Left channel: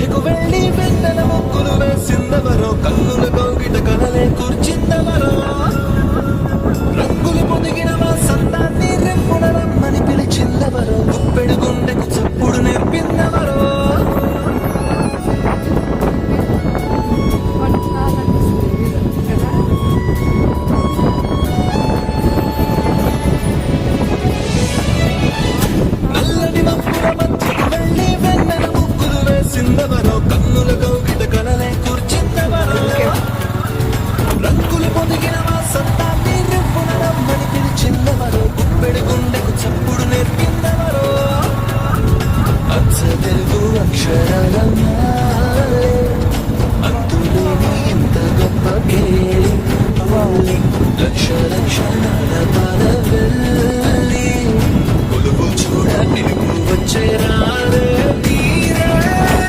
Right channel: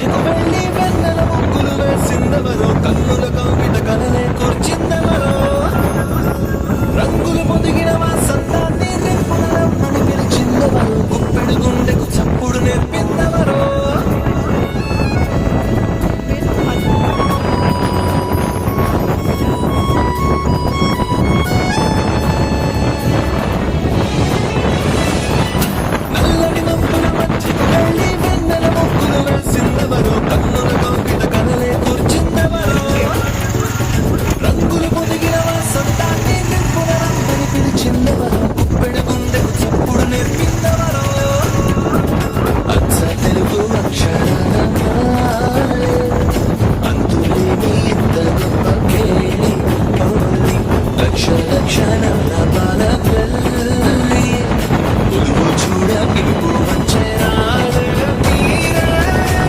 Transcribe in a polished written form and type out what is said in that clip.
మధ్యకు వెళ్ళి వెన్నెల ముగ్గులు వేసిందెవరో, కన్నుల కౌగిట కలలే కూర్చిందెవరో, రంగులు పొదిగిన వసంతాన్ని రెప్పున రమ్మని పిలిచిందెవరో, గుప్పెడు గుండెకు చప్పుడు నేర్పిందెవరో.